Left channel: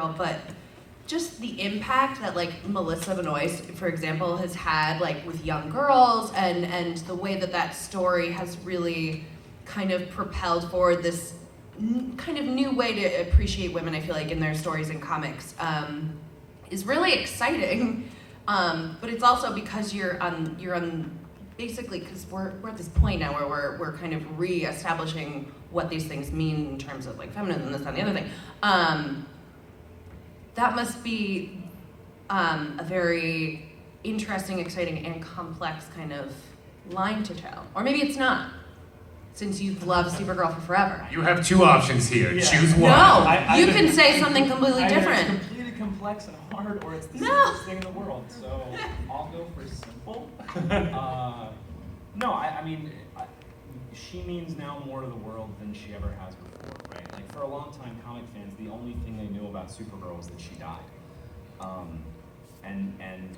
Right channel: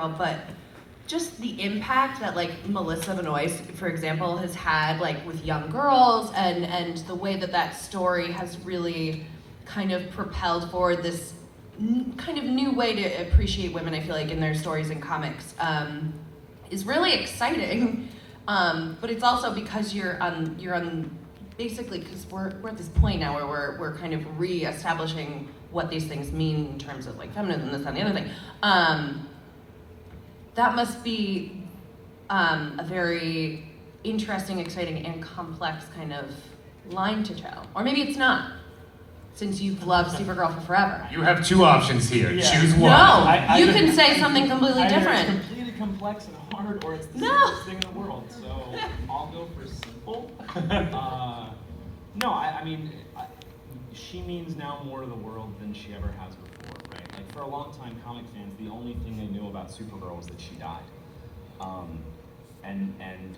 Supergirl, but just the impact that like Melissa Benoist, for example, has had like with young girls, and the way that story has really kind of propelled forward this kind of new way to appreciate women, I feel like, in their stories and comics, is really exciting. But it's also because you're on basically, because we're at this point now where we're kind of re-establishing what these things mean in terms of like feminism, this, and the other thing. That must be a very interesting, exciting, and complex kind of line to toe. Or maybe it's not, since you've loved Supergirl for forever. You have two options here. Yeah. Choose one. No, you can say something completely Either different. it's completely complex and hard, or it's the simplest thing in the world. So I'll go for simple. No, I mean, she means now more to the world than she ever has before, right? Like, for a long time, comic fans, the only thing they knew about Supergirl was that she died. And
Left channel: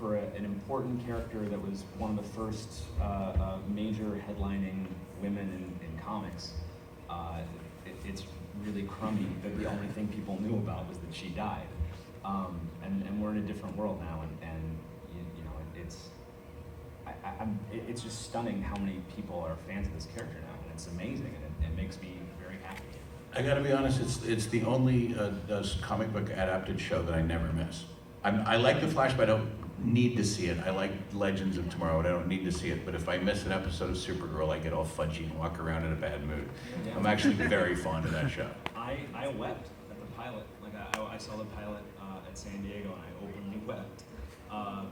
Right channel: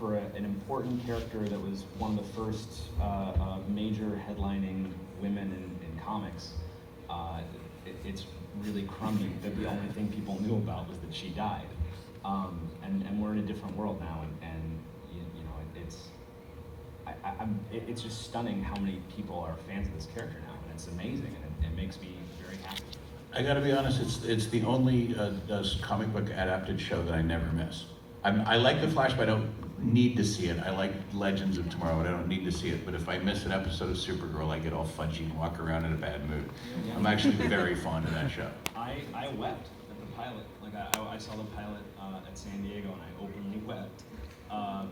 for an important character that was one of the first major headlining women in comics, it's really crummy that the only thing people knew about was that she died. And we're in a different world now, and you know, it's just stunning how many people are fans of this character now, and it's amazing, and it makes me very happy. I gotta be honest, it's the only comic book adapted show that I never miss. I like The Flash, but I don't need to see it. I like Legends of Tomorrow, but I don't need to see it. But if I miss an episode of Supergirl, I get all fudgy and walk around in a bad mood. I'm actually very fond of that show. I wept at the pilot. Like I saw the pilot at San Diego, and I openly wept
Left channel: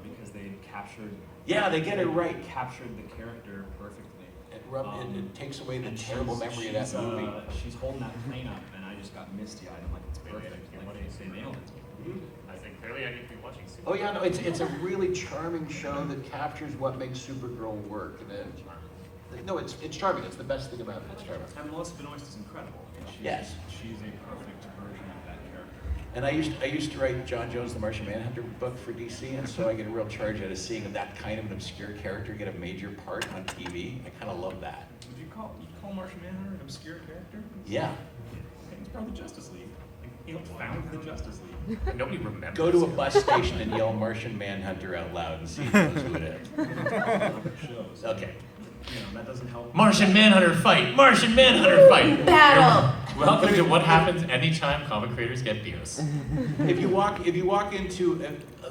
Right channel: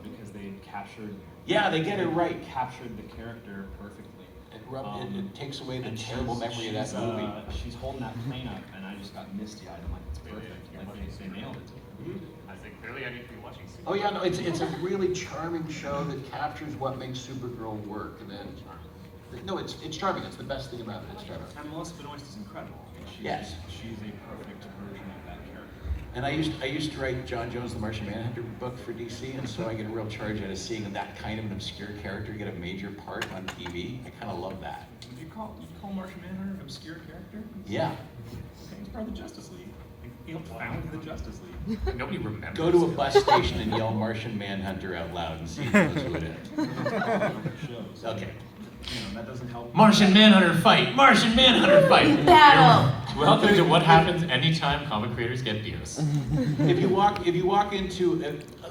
because they captured. Yeah, they get it right. Captured the character perfectly. It takes away the terrible memory of that movie. She's holding that plane up, and I just got misty-eyed. I'm like, it's perfect. They nailed it. I think clearly I need to be watching Supergirl. Oh yeah, no, it's a really charming show that captures what makes Supergirl work, and then no, it's charming. It's the best thing about it. It's charming. And Melissa Benoist is incredible. I mean, Yes. She's a perfect version of that character. And I used to write John Jones' The Martian Manhunter book for DC, and so I get a real charge out of seeing that kind of an obscure character get a major part on TV. I kind of love that. Would you call Martian Manhunter an obscure character? Yeah. Okay, he's part of the Justice League. He founded the Justice League. Nobody remembers. Go to a bus station and yell Martian Manhunter out loud and see who it is. Shows. Okay. You know, that doesn't help. Martian Manhunter fight! Martian Manhunter fight! Battle! Welcome to what happens anytime comic creators get beers. If you walk into,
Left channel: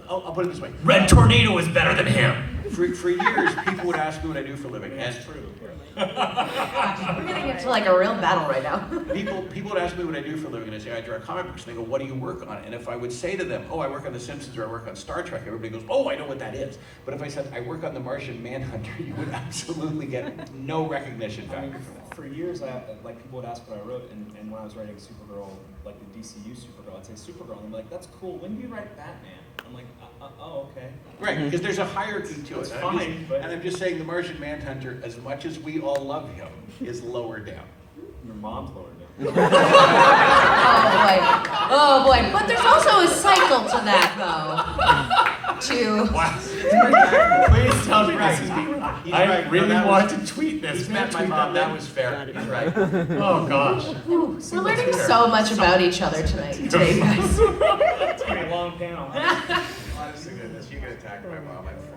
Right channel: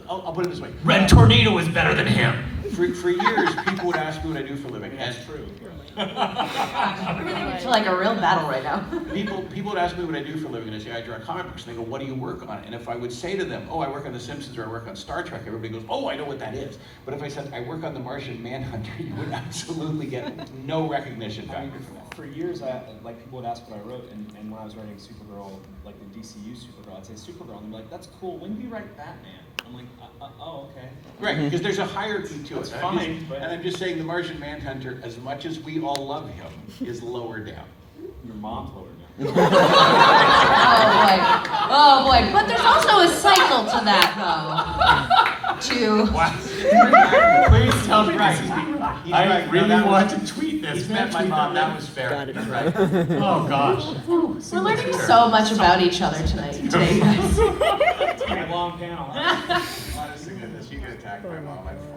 I'll put it this way. Red Tornado is better than him. For years, people would ask me what I do for a living, and That's true. We're gonna get to like a real battle right now. people would ask me what I do for a living, and I say I draw comic books, and they go, "What do you work on?" And if I would say to them, "Oh, I work on The Simpsons," or "I work on Star Trek," everybody goes, "Oh, I know what that is." But if I said I work on The Martian Manhunter, you would absolutely get no recognition factor for that. For years, people would ask what I wrote, and when I was writing Supergirl, like the DCU Supergirl, I'd say Supergirl, and they'd be like, "That's cool. When do you write Batman?" I'm like, "Oh, okay." Right, because there's a hierarchy to it. That's fine, but- And I'm just saying, The Martian Manhunter, as much as we all love him, is lower down. Your mom's lower down. Oh boy. But there's also a cycle to that though. Please tell me this is me. I really want to tweet this. Met my mom, that was fair. He's right. Oh gosh. We're learning so much about each other today, guys. It's gonna be a long panel. Honestly, goodness, you get attacked by mom, I'm fine.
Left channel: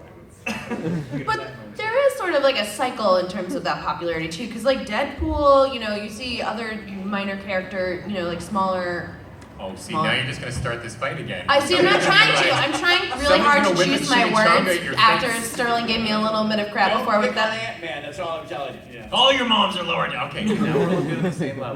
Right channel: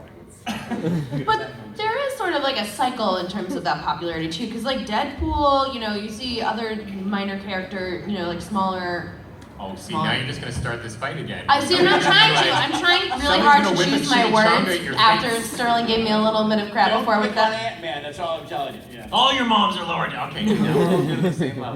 But there is sort of like a cycle in terms of that popularity too, because like Deadpool, you know, you see other minor character, you know, like smaller. Oh, see, now you're just going to start this fight again. I see. I'm not trying to. I'm trying really hard to choose my words your after face. Sterling gave me a little bit of crap before with that. Ant-Man, that's all I'm telling you. All your moms are lower down. Okay, now we're all doing the same level.